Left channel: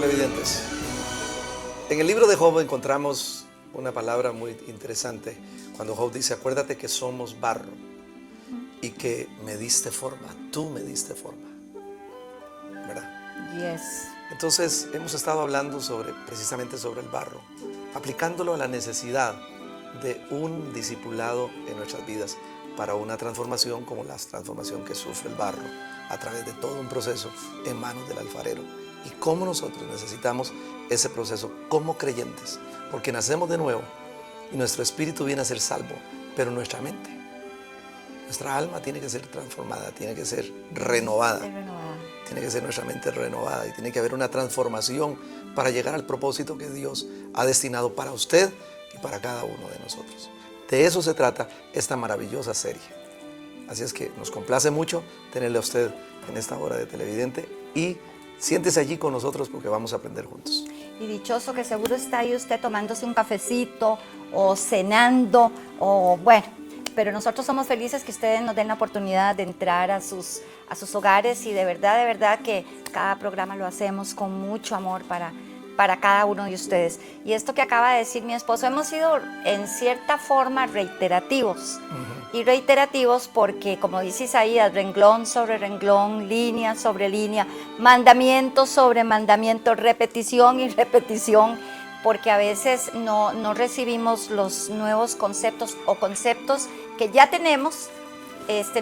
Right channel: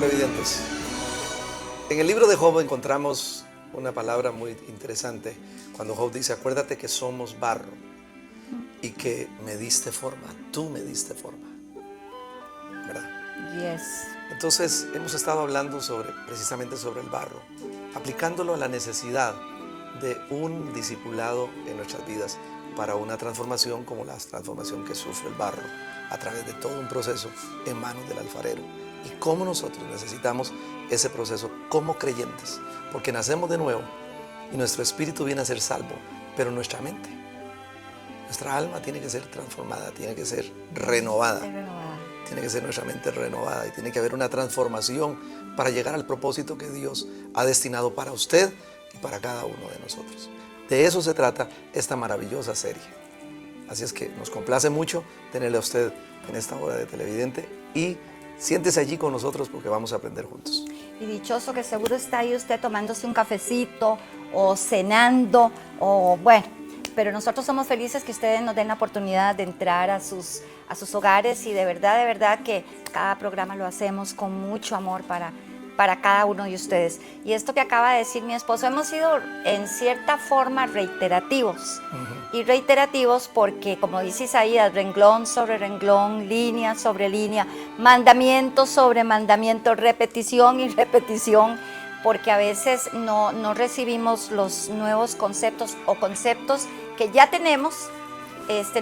televidentes. En el libro de Job encontramos una palabra muy interesante cuando Job dice: acuérdate que somos barro y que me diste forma, tú me diste forma, ¿verdad? Yes. Entonces hemos estado hablando precisamente sobre el barro, aplicándolo a la necesidad de un discipulado en nuestras vidas para una transformación como la transformación que sufre el barro a través de todo un proceso en manos del alfarero, y cómo nosotros necesitamos ese proceso como creyentes, porque nacemos de nuevo y nuestro espíritu viene a ser salvo, pero nuestra mente, nuestra alma tiene que ser transformada, tiene que ser renovada. Tiene que ser nuestra mente renovada y tiene que haber una transformación para llegar al propósito que Dios ha destinado para usted y para cada uno de nosotros. De eso se trata esta maravillosa serie. Así es que nos complace mucho tenerle a usted en esta hora de televidente y siéntese allí con nosotros porque vamos a aprender juntos. Y dichoso que seguro está ahí usted tomándose un cafecito o cenando o bueno, pero nosotros somos felices que ustedes nos den la oportunidad de entrar a sus hogares y de verdad que cada programa lo hacemos con mucho amor para cada uno de ustedes. Y esto que acaba de decir mi esposo, hemos sido en cierta forma reiterativos. Y reiterativos porque, como dice Isaías, renglón sobre renglón, línea sobre línea, mandamiento sobre mandamiento, repetición y repetición, porque a veces no recibimos los nuevos conceptos o conceptos que ya tenemos,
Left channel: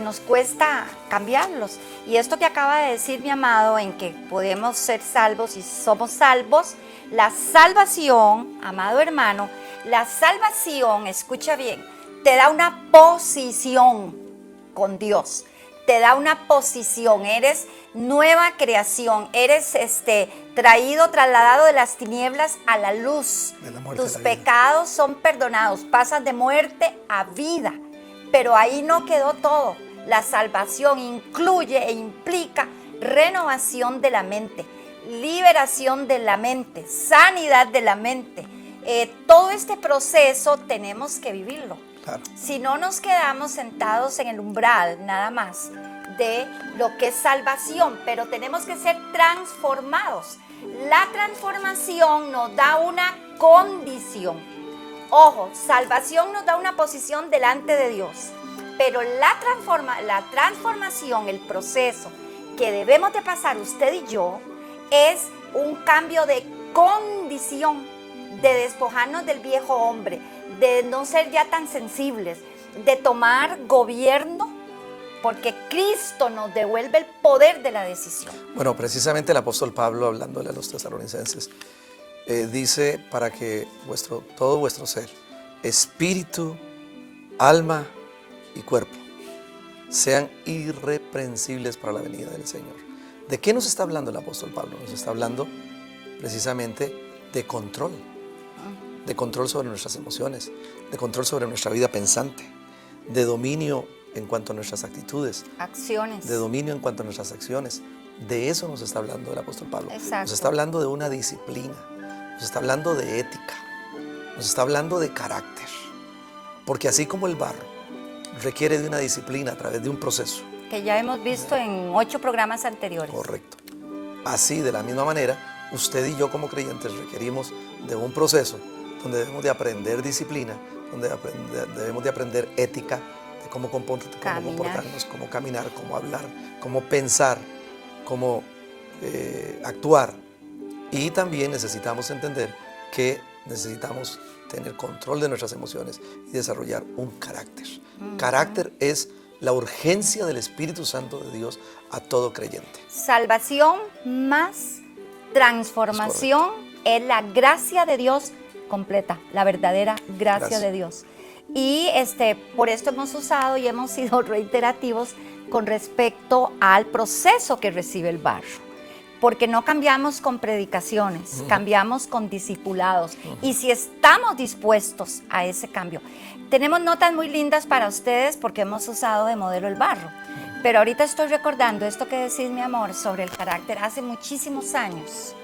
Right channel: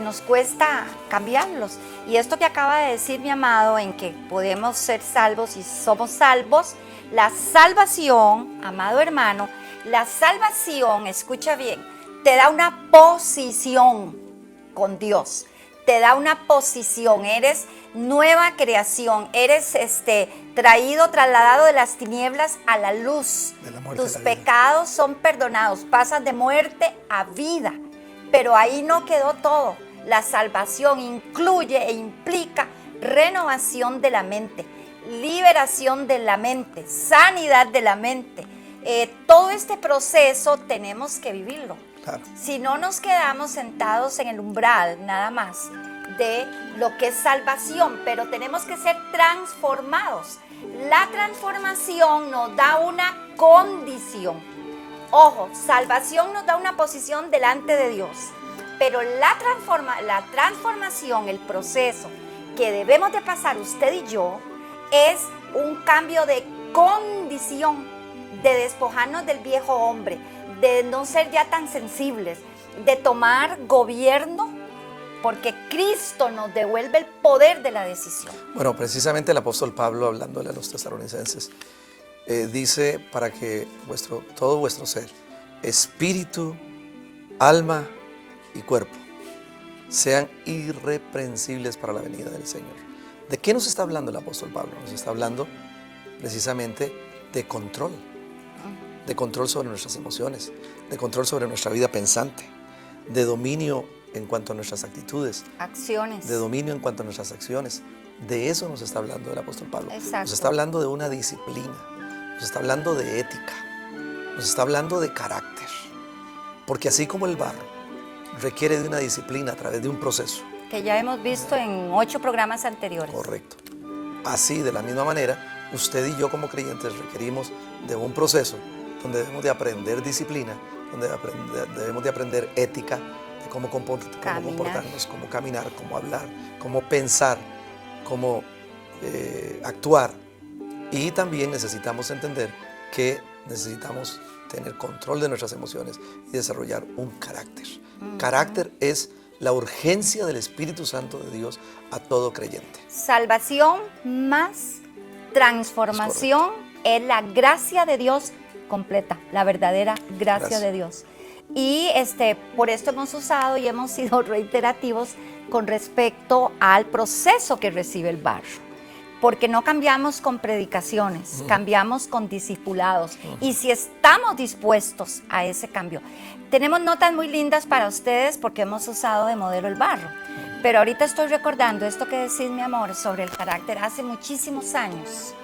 nos cuesta cambiarlos. Y esto que acaba de decir mi amado, en que podemos ser salvos y somos salvos, la salvación, amado hermano, la salvación, escucha bien, te da una posición con Dios, te da una posición, eres nueva creación, eres trasladado de las tinieblas a la luz. Tus pecados son perdonados, pasas de muerte a vida. Pero ahí no quedó todo. La salvación incluye e implica renovación de la mente, liberación de la mente, sanidad de la mente. Todo este proceso tenemos que vivirlo. Claro. Si no nos quedamos sentados en el umbral nada más de lo que es salvación, pero tenemos que ser transformados. La transformación nos da una condición. Ojo, salvación nos da una posición delante de Dios, pero la transformación, el proceso que debemos de pasar usted y yo, es un cambio de condición, de despojarnos del viejo hombre, de no ser ya tan sensibles, de tomar gobierno, porque Cristo nos devuelve el poder de la decisión. Bueno, precisamente el apóstol Pablo, hablándole a los tesalonicenses, dice para que todo vuestro ser, espíritu, alma y cuerpo, sean irreprensibles para la venida del Señor. ¿De qué nos está hablando el apóstol Pablo? Nos está hablando precisamente de control sobre nuestras emociones, de control sobre nuestra vida pensante, de dominio en cuanto a nuestras actitudes, acciones, de dominio en cuanto a nuestras acciones. De eso nos está hablando el apóstol Pablo. Exacto. Nos está hablando de una disciplina, nos está hablando de ética, nos está hablando de carácter, porque así como el barro requiere de una disciplina a través de un proceso que ya hemos visto en 8 programas anteriores. Correcto. Así, de la misma manera, usted y yo como creyentes requerimos de un proceso donde debemos de aprender disciplina, donde debemos de aprender ética, de cómo comportarnos, cómo caminar, cómo hablar, cómo pensar, cómo actuar. Y también necesitamos entender que necesitamos tener control de nuestras emociones y desarrollar un carácter. Carácter es la urgencia del Espíritu Santo de Dios a todo creyente. Salvación más transformación es la gracia de Dios completa, la verdadera gracia de Dios. Y por esto hemos usado y hemos sido reiterativos con respecto al proceso que recibe el barro. Porque no cambiamos con predicaciones, cambiamos con discipulados. Y si estamos dispuestos a ese cambio. Tenemos notas muy lindas para ustedes porque hemos usado de modelo el barro. Pero ahorita estoy recordando esto que decís, mi amor, sobre el carácter. Hace muchísimos años,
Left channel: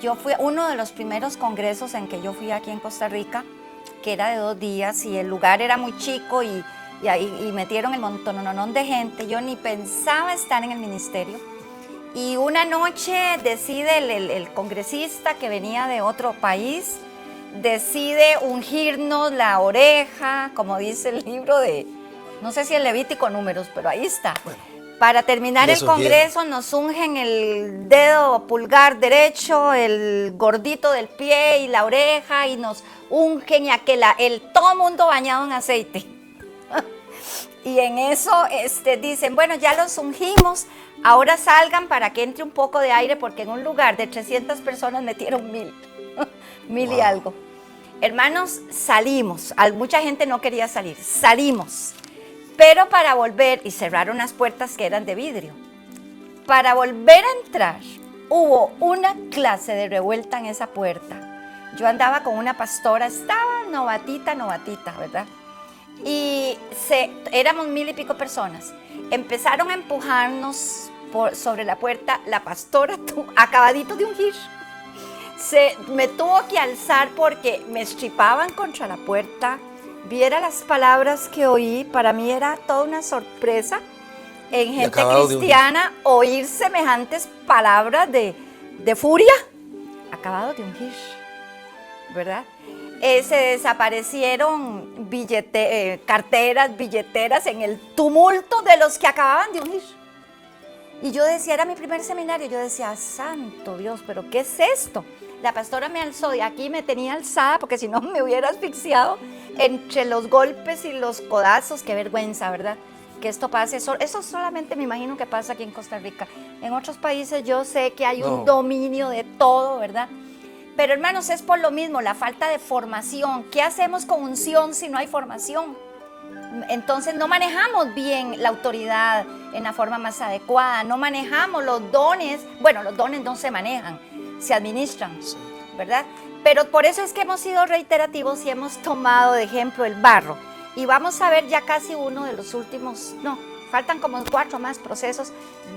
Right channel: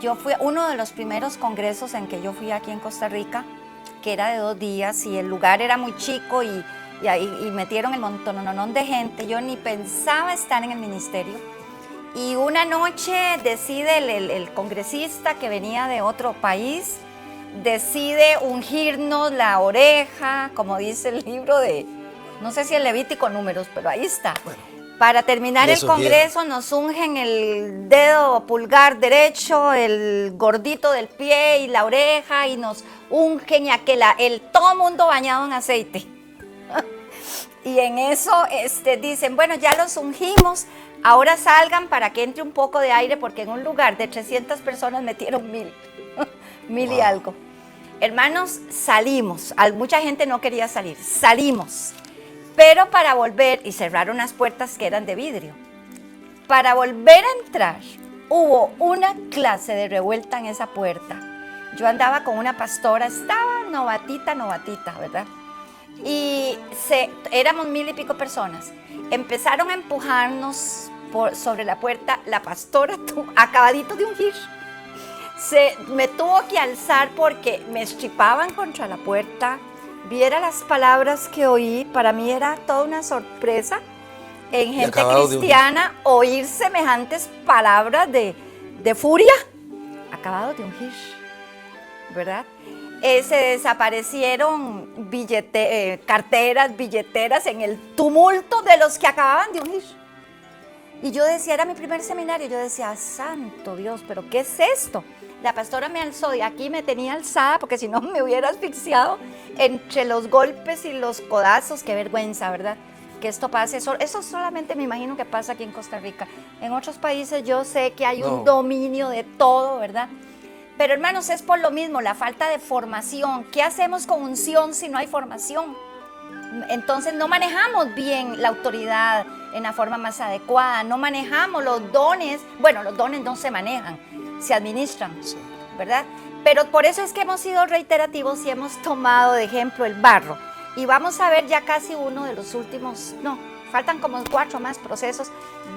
yo fui a uno de los primeros congresos en que yo fui aquí en Costa Rica, que era de 2 días y el lugar era muy chico y metieron el montón de gente. Yo ni pensaba estar en el ministerio. Y una noche decide el congresista que venía de otro país, decide ungirnos la oreja, como dice el libro de, no sé si el Levítico Números, pero ahí está. Para terminar el Congreso nos ungen el dedo pulgar derecho, el gordito del pie y la oreja, y nos ungen y todo mundo bañado en aceite. Y en eso dicen, bueno, ya los ungimos, ahora salgan para que entre un poco de aire, porque en un lugar de 300 personas metieron 1000 y algo. Hermanos, salimos, mucha gente no quería salir, salimos, pero para volver, y cerraron las puertas que eran de vidrio, para volver a entrar, hubo una clase de revuelta en esa puerta. Yo andaba con una pastora, estaba novatita, ¿verdad? Y éramos 1000 y pico personas. Empezaron a empujarnos sobre la puerta. La pastora, acabadito de ungir, me tuvo que alzar porque me estripaban contra la puerta. Viera las palabras que oí, para mí era toda una sorpresa. En gente cristiana, oír semejantes palabras de furia. Acabado de ungir, ¿verdad? Se desaparecieron carteras, billeteras en el tumulto de los que acababan de unir. Y yo decía, era mi primer seminario, yo decía, santo Dios, ¿pero qué es esto? La pastora me alzó y aquí me tenía alzada porque si no me hubiera asfixiado entre los golpes y los codazos. Qué vergüenza, ¿verdad? Que esto pase. Eso solamente me imagino que pasa aquí en Costa Rica. En otros países yo sé que hay un dominio de todo, ¿verdad? Pero hermanos, es por lo mismo, la falta de formación. ¿Qué hacemos con unción si no hay formación? Entonces no manejamos bien la autoridad en la forma más adecuada, no manejamos los dones. Bueno, los dones no se manejan, se administran, ¿verdad? Pero por eso es que hemos sido reiterativos y hemos tomado de ejemplo el barro. Y vamos a ver ya casi uno de los últimos, faltan como 4 más procesos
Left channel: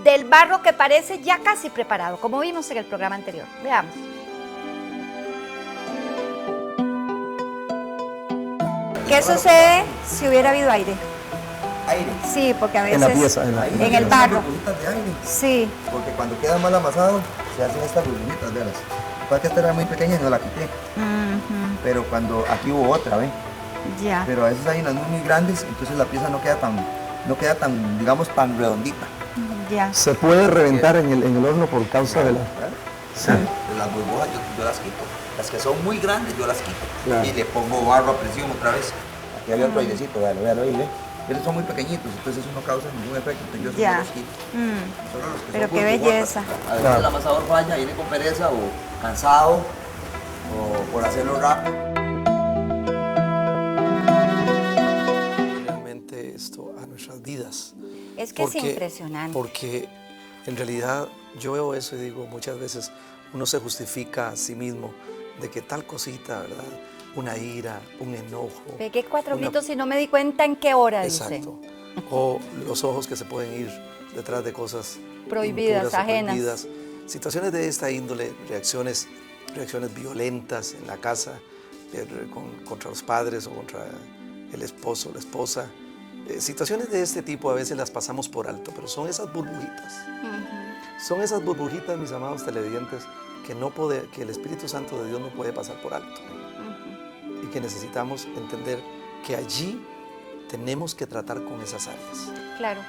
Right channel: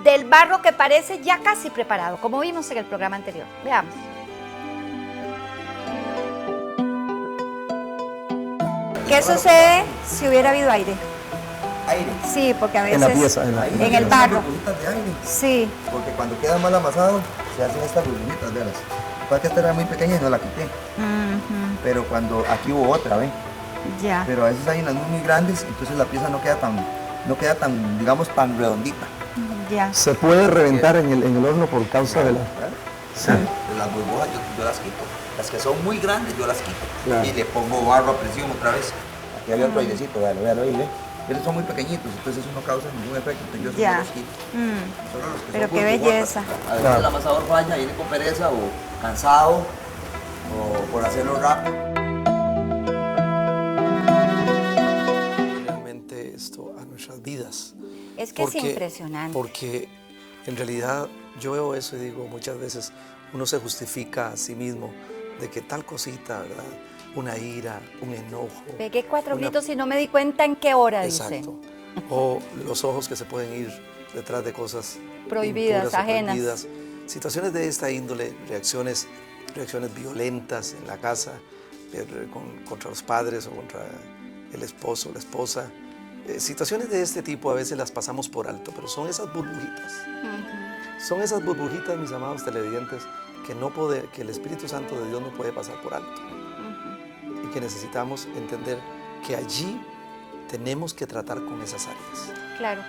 del barro que parece ya casi preparado, como vimos en el programa anterior. Veamos. ¿Qué sucede si hubiera habido aire? Aire. Sí, porque a veces... En la pieza, en el barro. Burbujitas de aire. Sí. Porque cuando queda mal amasado, se hacen estas burbujitas, velas. Para que esta era muy pequeña y no la quité. Pero cuando aquí hubo otra, ¿ven? Ya. Pero a veces hay unas muy grandes, entonces la pieza no queda tan, digamos, tan redondita. Ya. Se puede reventar en el horno por causa de la... Sí. De las burbujas yo las quito. Las que son muy grandes yo las quito. Claro. Y le pongo barro a presión otra vez. Aquí había otro airecito, véalo ahí, ¿ve? Esos son muy pequeñitos, entonces eso no causa ningún efecto, entonces yo solo los quito. Solo los que Pero son qué burbujotas. belleza. A veces el amasador falla, viene con pereza o cansado o por hacerlo rápido. Realmente esto a nuestras vidas. Es que es impresionante. Porque en realidad yo veo eso y digo, muchas veces uno se justifica a sí mismo de que tal cosita, ¿verdad? Una ira, un enojo. Pegué 4 gritos y no me di cuenta en qué hora, Exacto. O los ojos que se pueden ir detrás de cosas prohibidas, impuras o ajenas. prohibidas. Situaciones de esta índole, reacciones violentas en la casa, contra los padres o contra el esposo, la esposa. Situaciones de este tipo a veces las pasamos por alto, pero son esas burbujitas. Son esas burbujitas, mis amados televidentes, que el Espíritu Santo de Dios no puede pasar por alto. Y que necesitamos entender que allí tenemos que tratar con esas áreas. Claro.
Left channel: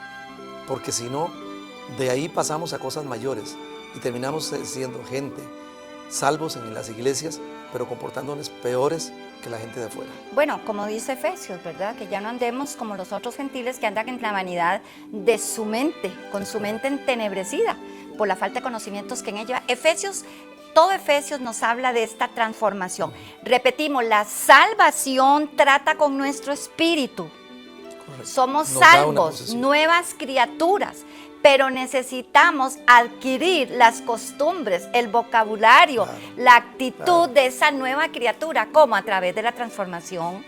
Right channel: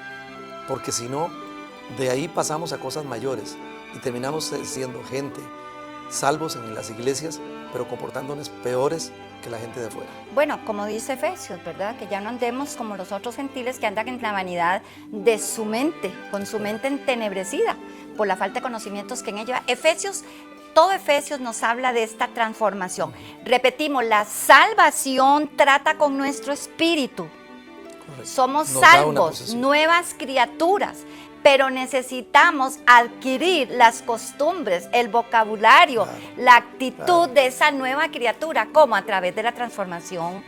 Porque si no, de ahí pasamos a cosas mayores y terminamos siendo gente, salvos en las iglesias, pero comportándonos peores que la gente de afuera. Bueno, como dice Efesios, ¿verdad? Que ya no andemos como los otros gentiles que andan en la vanidad de su mente, con su mente entenebrecida por la falta de conocimientos que en ella. Todo Efesios nos habla de esta transformación. Repetimos, la salvación trata con nuestro espíritu. Correcto. Somos Nos da una salvos, posesión. nuevas criaturas, pero necesitamos adquirir las costumbres, el vocabulario, la actitud de esa nueva criatura. ¿Cómo? A través de la transformación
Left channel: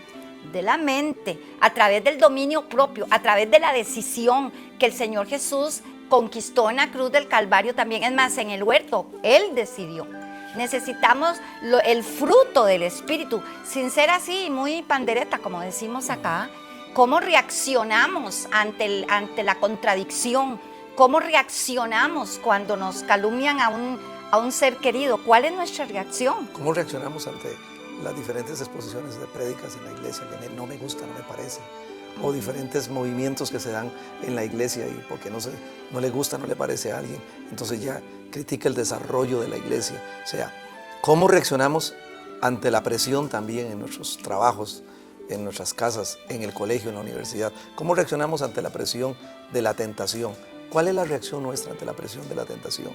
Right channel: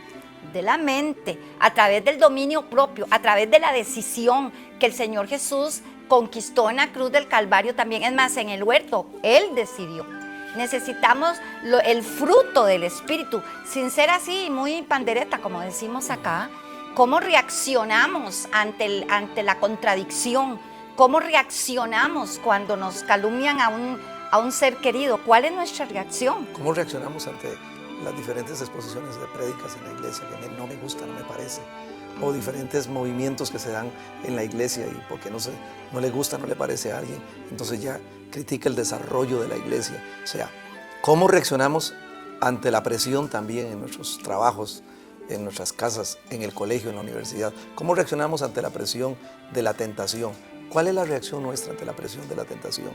de la mente, a través del dominio propio, a través de la decisión que el Señor Jesús conquistó en la cruz del Calvario también. Es más, en el huerto, Él decidió. Necesitamos el fruto del Espíritu, sin ser así, muy pandereta, como decimos acá. ¿Cómo reaccionamos ante la contradicción? ¿Cómo reaccionamos cuando nos calumnian a un ser querido? ¿Cuál es nuestra reacción? ¿Cómo reaccionamos ante las diferentes exposiciones de prédicas en la iglesia? De no me gusta, no me parece. O diferentes movimientos que se dan en la iglesia y porque no le gusta, no le parece a alguien. Entonces ya critica el desarrollo de la iglesia. O sea, ¿cómo reaccionamos ante la presión también en nuestros trabajos, en nuestras casas, en el colegio, en la universidad? ¿Cómo reaccionamos ante la presión de la tentación? ¿Cuál es la reacción nuestra ante la presión de la tentación?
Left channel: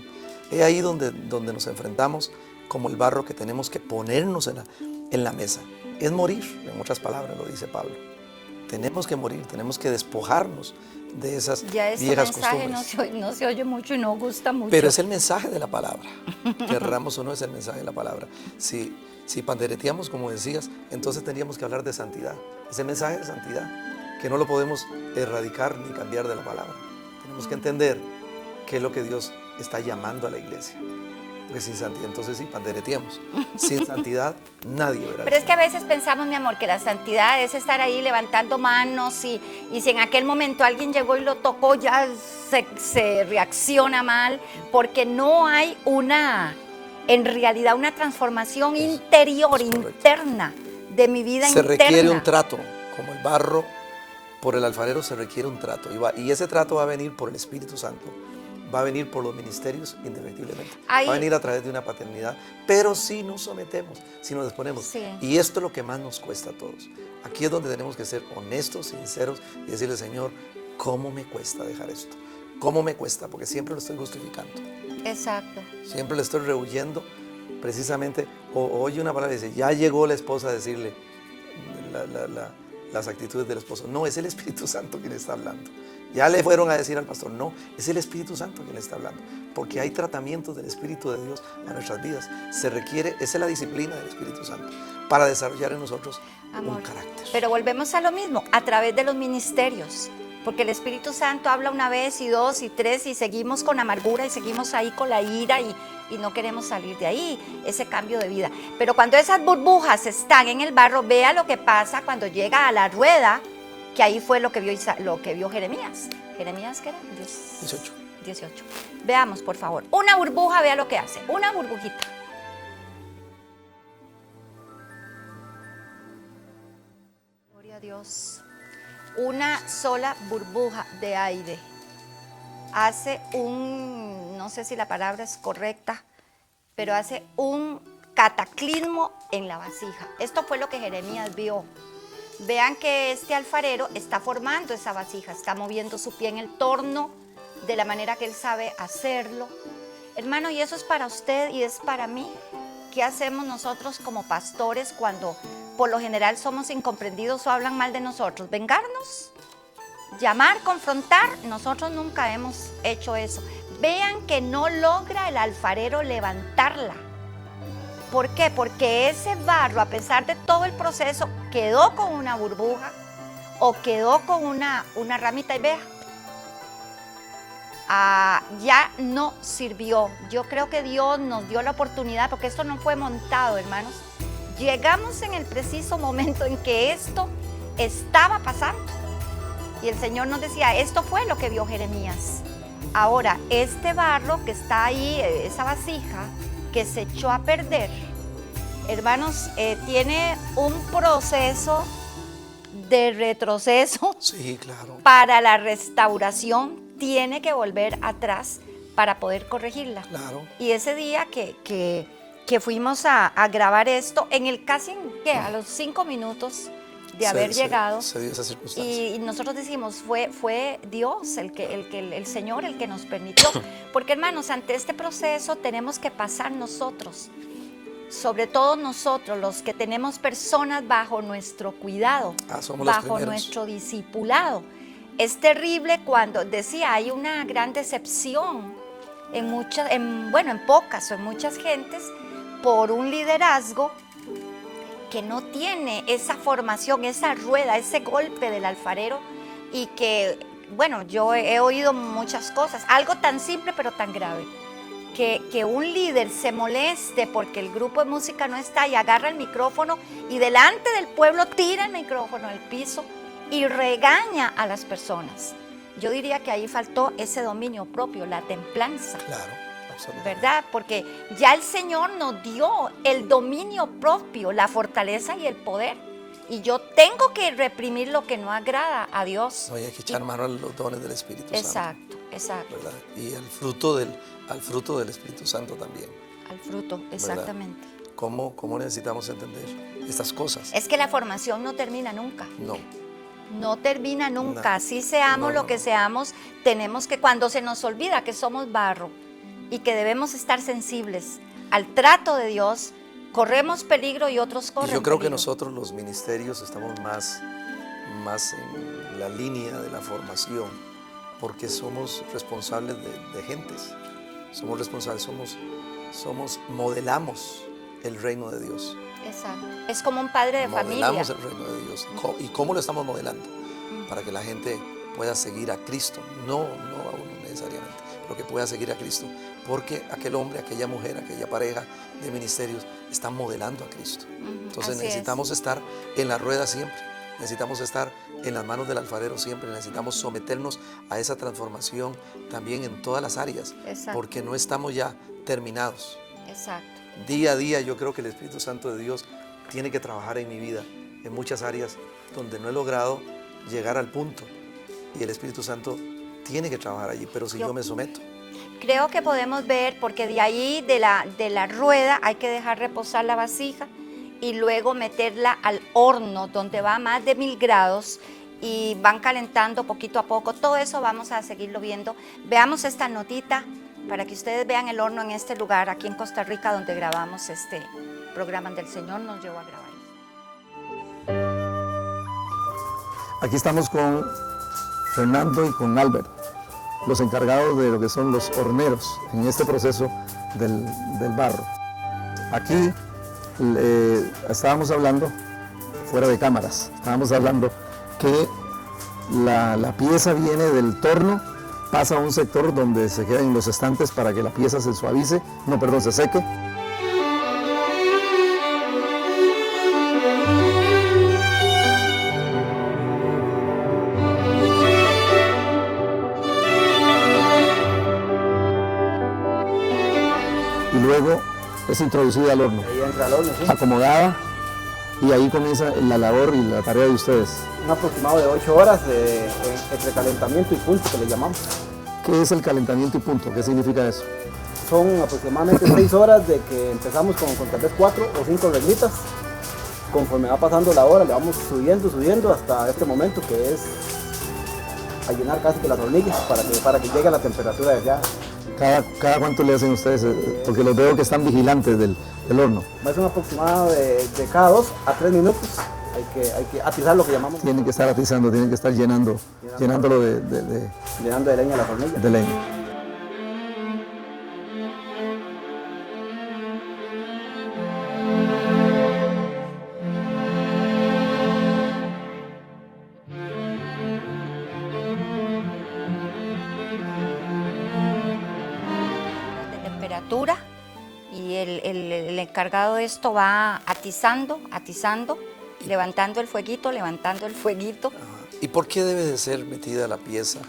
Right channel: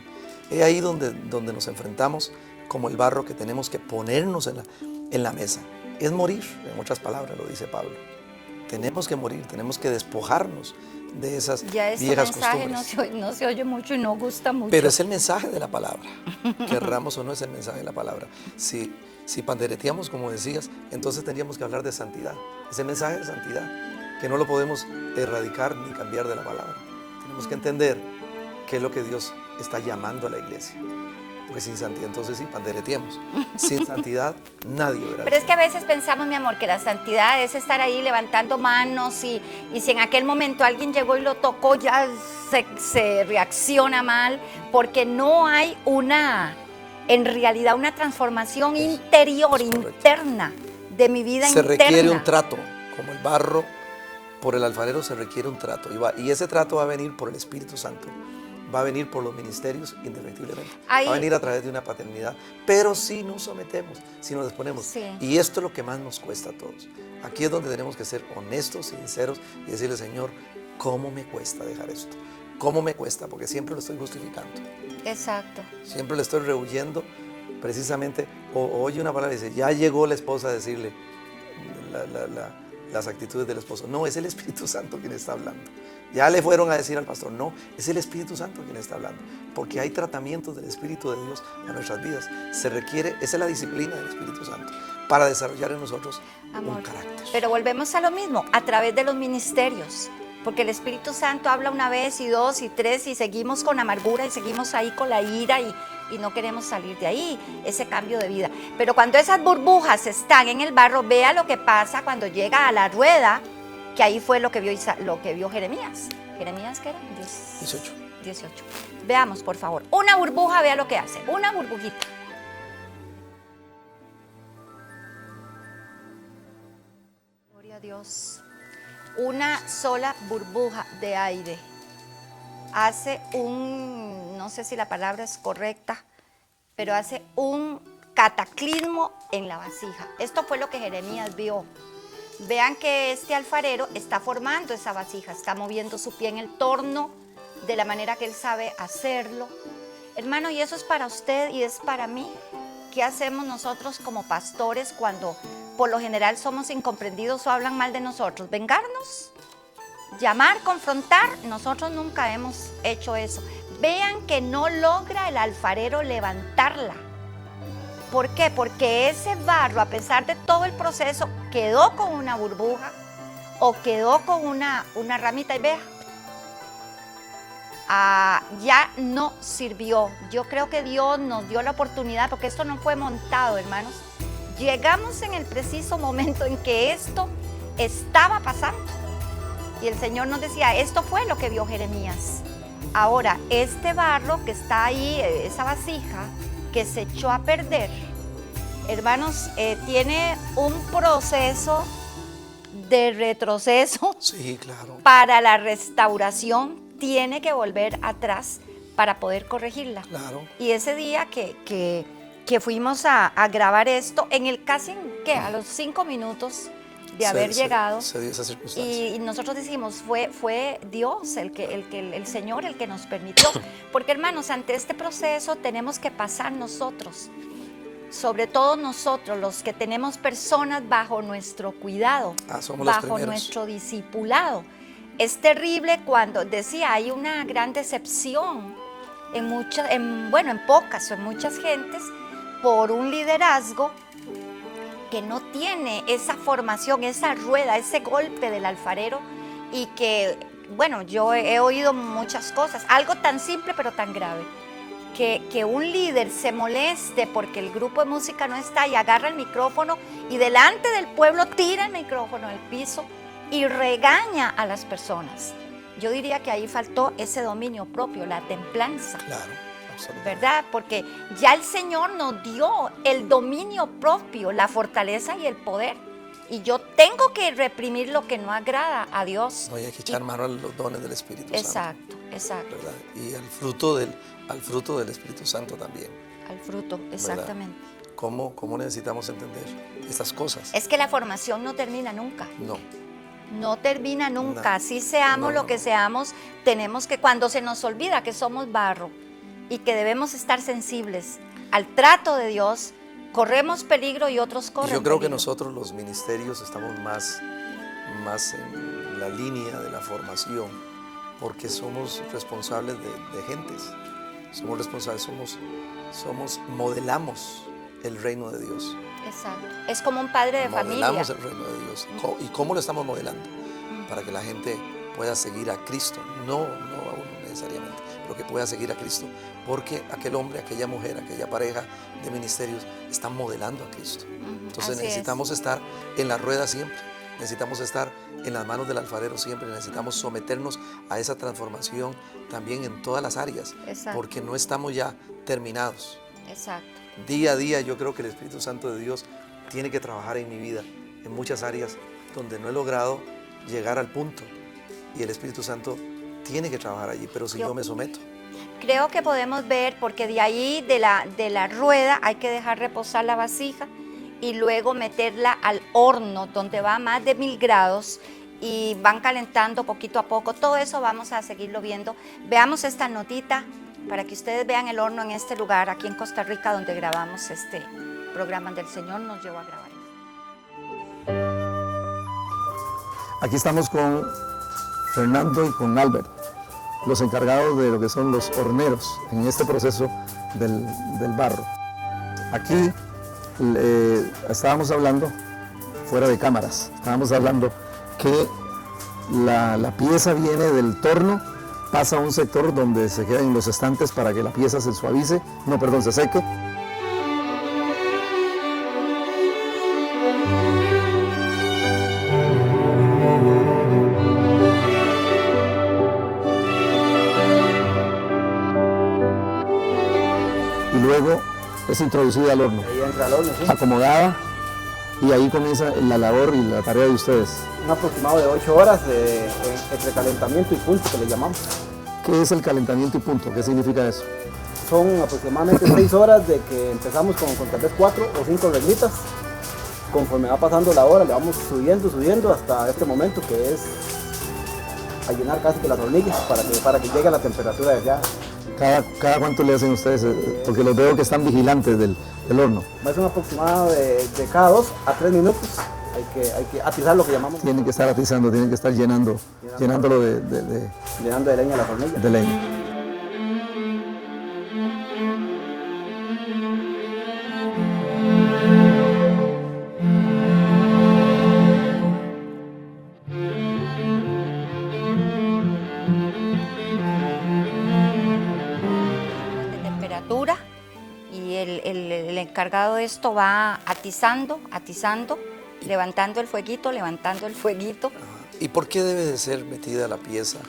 Es ahí donde nos enfrentamos como el barro que tenemos que ponernos en la mesa. Es morir, en otras palabras, lo dice Pablo. Tenemos que morir, tenemos que despojarnos de esas viejas costumbres. No se oye mucho y no gusta mucho. Pero es el mensaje de la palabra. Querramos o no, es el mensaje de la palabra. Si pandereteamos, como decías, entonces teníamos que hablar de santidad. Ese mensaje de santidad, que no lo podemos erradicar ni cambiar de la palabra. Tenemos que entender qué es lo que Dios está llamando a la iglesia. Porque sin santidad, entonces sí, pandereteamos. Sin santidad, nadie verá. Pero es que a veces pensamos, mi amor, que la santidad es estar ahí levantando manos y si en aquel momento alguien llegó y lo tocó, ya se reacciona mal, porque no hay en realidad una transformación interior, interna, de mi vida se interna. Requiere un trato, como el barro por el alfarero se requiere un trato. Y ese trato va a venir por el Espíritu Santo. Va a venir por los ministerios indefectiblemente. Va a venir a través de una paternidad. Pero si nos sometemos, si nos disponemos. Sí. Y esto es lo que más nos cuesta a todos. Aquí es donde tenemos que ser honestos, sinceros y decirle, Señor, ¿cómo me cuesta dejar esto? ¿Cómo me cuesta? Porque siempre lo estoy justificando. Exacto. Siempre le estoy rehuyendo. Precisamente, oye una palabra y dice, ya llegó la esposa a decirle las actitudes del esposo. No, es el Espíritu Santo quien está hablando. Ya le fueron a decir al pastor, no, es el Espíritu Santo quien está hablando, porque hay tratamientos del Espíritu de Dios en nuestras vidas. Se requiere, esa es la disciplina del Espíritu Santo, para desarrollar en nosotros un carácter. Pero volvemos a lo mismo, a través de los ministerios, porque el Espíritu Santo habla una vez y dos y tres y seguimos con la amargura y seguimos ahí con la ira y no queremos salir de ahí, ese cambio de vida. Pero cuando esas burbujas están en el barro, vea lo que pasa cuando llega a la rueda, que ahí fue lo que vio Jeremías. ¿Jeremías qué era? 18. Veamos, por favor. Una burbuja, vea lo que hace. Una burbujita. Gloria a Dios. Una sola burbuja de aire hace no sé si la palabra es correcta, pero hace un cataclismo en la vasija. Esto fue lo que Jeremías vio. Vean que este alfarero está formando esa vasija, está moviendo su pie en el torno de la manera que él sabe hacerlo. Hermano, y eso es para usted y es para mí. ¿Qué hacemos nosotros como pastores cuando por lo general somos incomprendidos o hablan mal de nosotros? ¿Vengarnos? ¿Llamar? ¿Confrontar? Nosotros nunca hemos hecho eso. Vean que no logra el alfarero levantarla. ¿Por qué? Porque ese barro, a pesar de todo el proceso, quedó con una burbuja o quedó con una ramita y vea. Ya no sirvió. Yo creo que Dios nos dio la oportunidad, porque esto no fue montado, hermanos. Llegamos en el preciso momento en que esto estaba pasando. Y el Señor nos decía, esto fue lo que vio Jeremías. Ahora, este barro que está ahí, esa vasija, que se echó a perder, hermanos, tiene un proceso de retroceso. Sí, claro. Para la restauración tiene que volver atrás para poder corregirla. Claro. Y ese día que fuimos a grabar esto, en el casi a los 5 minutos de haber llegado, se dio esa circunstancia. y nosotros decimos, fue Dios el Señor el que nos permitió, porque hermanos, ante este proceso tenemos que pasar nosotros, sobre todo nosotros, los que tenemos personas bajo nuestro cuidado, bajo nuestro discipulado. Es terrible cuando, decía, hay una gran decepción en pocas o en muchas gentes por un liderazgo que no tiene esa formación, esa rueda, ese golpe del alfarero, y que, bueno, yo he oído muchas cosas, algo tan simple pero tan grave, que un líder se moleste porque el grupo de música no está y agarra el micrófono y delante del pueblo tira el micrófono al piso y regaña a las personas. yo diría que ahí faltó ese dominio propio, la templanza. Claro, absolutamente. ¿Verdad? Porque ya el Señor nos dio el dominio propio, la fortaleza y el poder. Y yo tengo que reprimir lo que no agrada a Dios. Oye, hay que echar mano a los dones del Espíritu Santo. Exacto, exacto. ¿Verdad? Y al fruto del Espíritu Santo también. Al fruto, exactamente. ¿Cómo necesitamos entender estas cosas? Es que la formación no termina nunca. No. No termina nunca. No. Así seamos lo que seamos, tenemos que, cuando se nos olvida que somos barro y que debemos estar sensibles al trato de Dios, corremos peligro y otros Y corren yo creo que peligro. nosotros los ministerios estamos más en la línea de la formación, porque somos responsables de gentes, somos responsables, modelamos el reino de Dios. Exacto. Es como un padre de Modelamos familia. el reino de Dios. ¿Y cómo lo estamos modelando? Para que la gente pueda seguir a Cristo, no a uno necesariamente, pero que pueda seguir a Cristo, porque aquel hombre, aquella mujer, aquella pareja de ministerios están modelando a Cristo. Entonces Así necesitamos estar en la rueda siempre, necesitamos estar en las manos del alfarero siempre, necesitamos someternos a esa transformación también en todas las áreas, Exacto. porque no estamos ya terminados. Exacto. Día a día yo creo que el Espíritu Santo de Dios tiene que trabajar en mi vida, en muchas áreas donde no he logrado llegar al punto, y el Espíritu Santo tiene que trabajar allí, pero si yo me someto. Creo que podemos ver, porque de ahí, de la rueda, hay que dejar reposar la vasija y luego meterla al horno, donde va a más de 1000 grados y van calentando poquito a poco. Todo eso vamos a seguirlo viendo. Veamos esta notita para que ustedes vean el horno en este lugar, aquí en Costa Rica, donde grabamos este programa donde el Señor nos llevó a grabar. Aquí estamos con Fernando y con Albert, los encargados de lo que son los horneros en este proceso del barro. Aquí estábamos hablando, fuera de cámaras, estábamos hablando que la pieza viene del torno, pasa a un sector donde se quedan en los estantes para que la pieza se suavice, se seque. Y luego es introducida al horno, Ahí entra al horno, sí. acomodada, y ahí comienza la labor y la tarea de ustedes. Un aproximado de 8 horas entre calentamiento y punto, que le llamamos. ¿Qué es el calentamiento y punto? ¿Qué significa eso? Son aproximadamente 6 horas de que empezamos con tal vez 4 o 5 reglitas. Conforme va pasando la hora, le vamos subiendo hasta este momento, que es a llenar casi que las hornillas para que llegue a la temperatura deseada. ¿Cada cuánto le hacen ustedes? Porque los veo que están vigilantes del horno. Va a ser un aproximado de cada 2 a 3 minutos. Hay que atizar, lo que llamamos. Tienen que estar atizando, tienen que estar llenándolo Llenando de leña las hornillas. de leña. De temperatura y el encargado de esto va atizando, levantando el fueguito. ¿Y por qué debe ser metida la pieza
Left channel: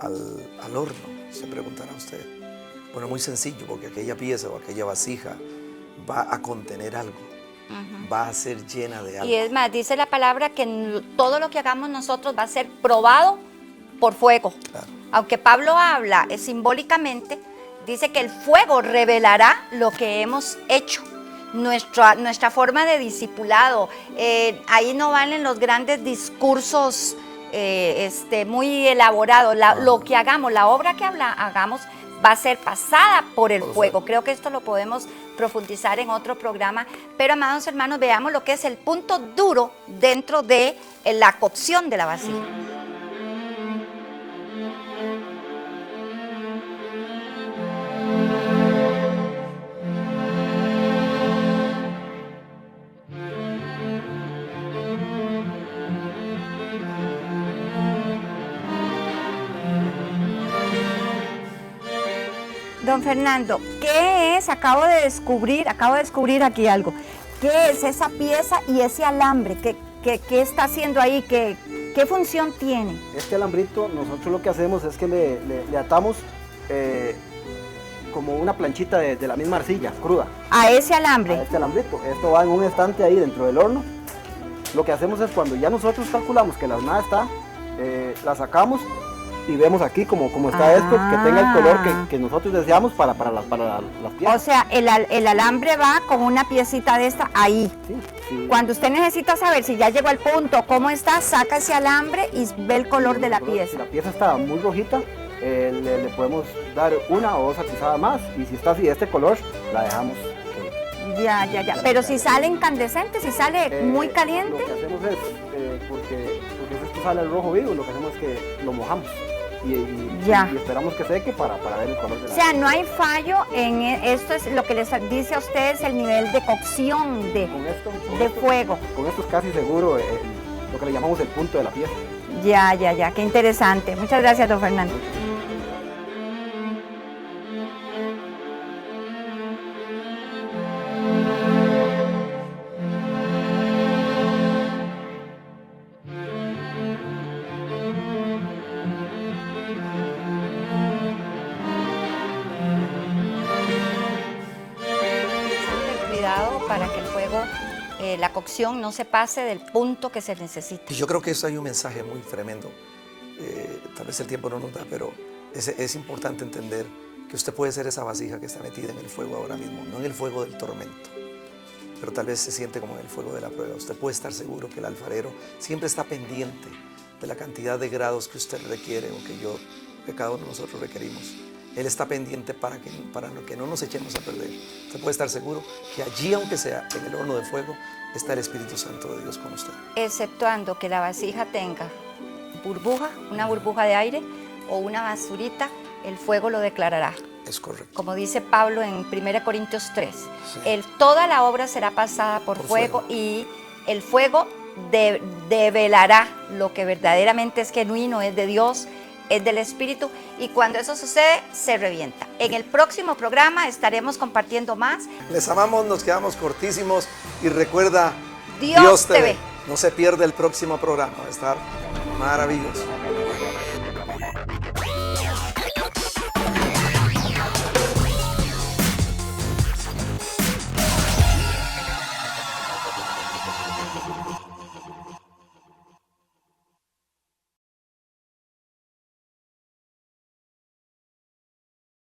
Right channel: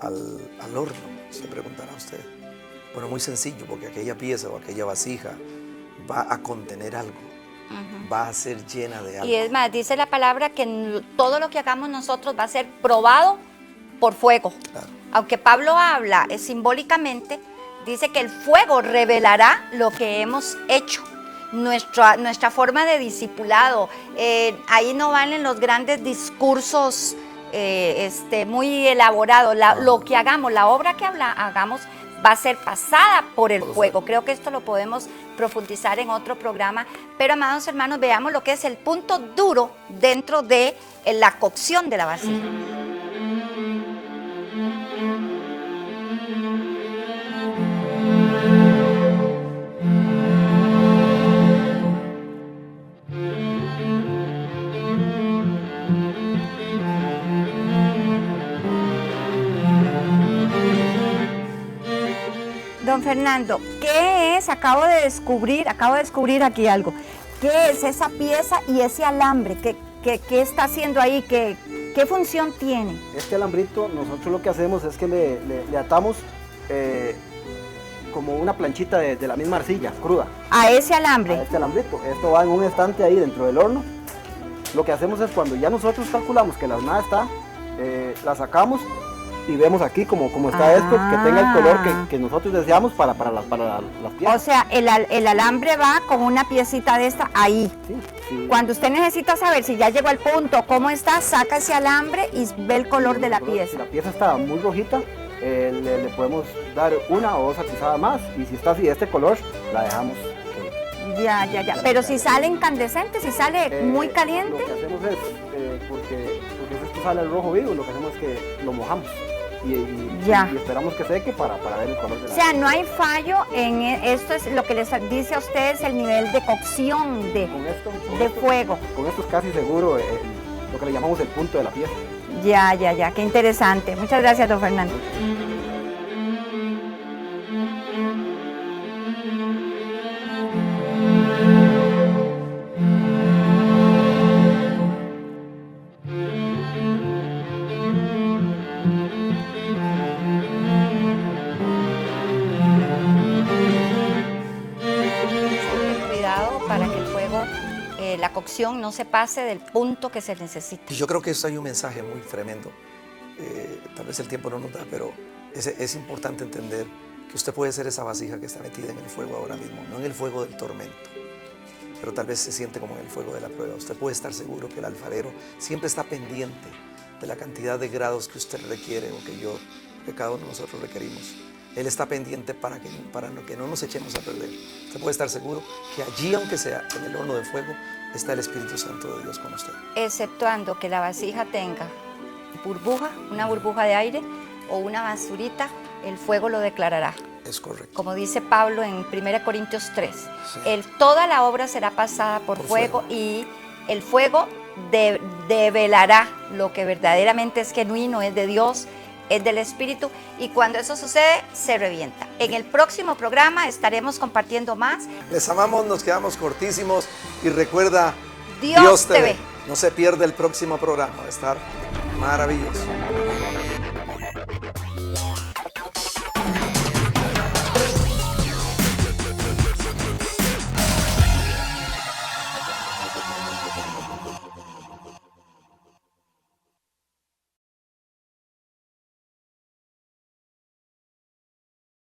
al horno? Se preguntará usted. Bueno, muy sencillo, porque aquella pieza o aquella vasija va a contener algo, va a ser llena de algo. Y es más, dice la palabra que todo lo que hagamos nosotros va a ser probado por fuego. Claro. Aunque Pablo habla simbólicamente, dice que el fuego revelará lo que hemos hecho. Nuestra forma de discipulado. Ahí no valen los grandes discursos muy elaborados. Lo que hagamos, la obra que hagamos va a ser pasada por el fuego. Creo que esto lo podemos profundizar en otro programa. Pero, amados hermanos, veamos lo que es el punto duro dentro de la cocción de la vasija. Don Fernando, ¿qué es? Acabo de descubrir aquí algo. ¿Qué es esa pieza y ese alambre? ¿Qué está haciendo ahí? ¿Qué ¿Qué función tiene? Este alambrito, nosotros lo que hacemos es que le atamos como una planchita de la misma arcilla cruda A ese a alambre. este alambrito. Esto va en un estante ahí dentro del horno. Lo que hacemos es cuando ya nosotros calculamos que la hornada está, la sacamos y vemos aquí como está esto, que tenga el color que nosotros deseamos para las O piezas. sea, el alambre va con una piecita de esta ahí. Sí, sí. Cuando usted necesita saber si ya llegó al punto, cómo está, saca ese alambre y ve el color de la Si pieza. la pieza está muy rojita, le podemos dar una o dos atizadas más, y si está así de este color, la dejamos. Ya. Pero si sale incandescente, si sale muy caliente. Lo que hacemos es, porque esto sale el rojo vivo, lo que hacemos es que lo mojamos y esperamos que seque para ver el color de la O sea, no hay fallo en esto, es lo que les dice a ustedes el nivel de cocción de fuego. Con esto es casi seguro lo que le llamamos el punto de la pieza. Ya, qué interesante. Muchas gracias, don Fernando. Cuidado para que el fuego, la cocción no se pase del punto que se necesita. Y yo creo que eso hay un mensaje muy tremendo. Tal vez el tiempo no nos da, pero es importante entender que usted puede ser esa vasija que está metida en el fuego ahora mismo, no en el fuego del tormento, pero tal vez se siente como en el fuego de la prueba. Usted puede estar seguro que el alfarero siempre está pendiente de la cantidad de grados que usted requiere o que cada uno de nosotros requerimos. Él está pendiente para que no nos echemos a perder. Usted puede estar seguro que allí, aunque sea en el horno de fuego, está el Espíritu Santo de Dios con usted. Exceptuando que la vasija tenga burbuja, una burbuja de aire o una basurita, el fuego lo declarará. Es correcto. Como dice Pablo en 1 Corintios 3, toda la obra será pasada por fuego y el fuego develará lo que verdaderamente es genuino, es de Dios, es del Espíritu, y cuando eso sucede, se revienta. En el próximo programa estaremos compartiendo más. Les amamos, nos quedamos cortísimos y recuerda, Dios te ve. No se pierda el próximo programa, va a estar maravilloso.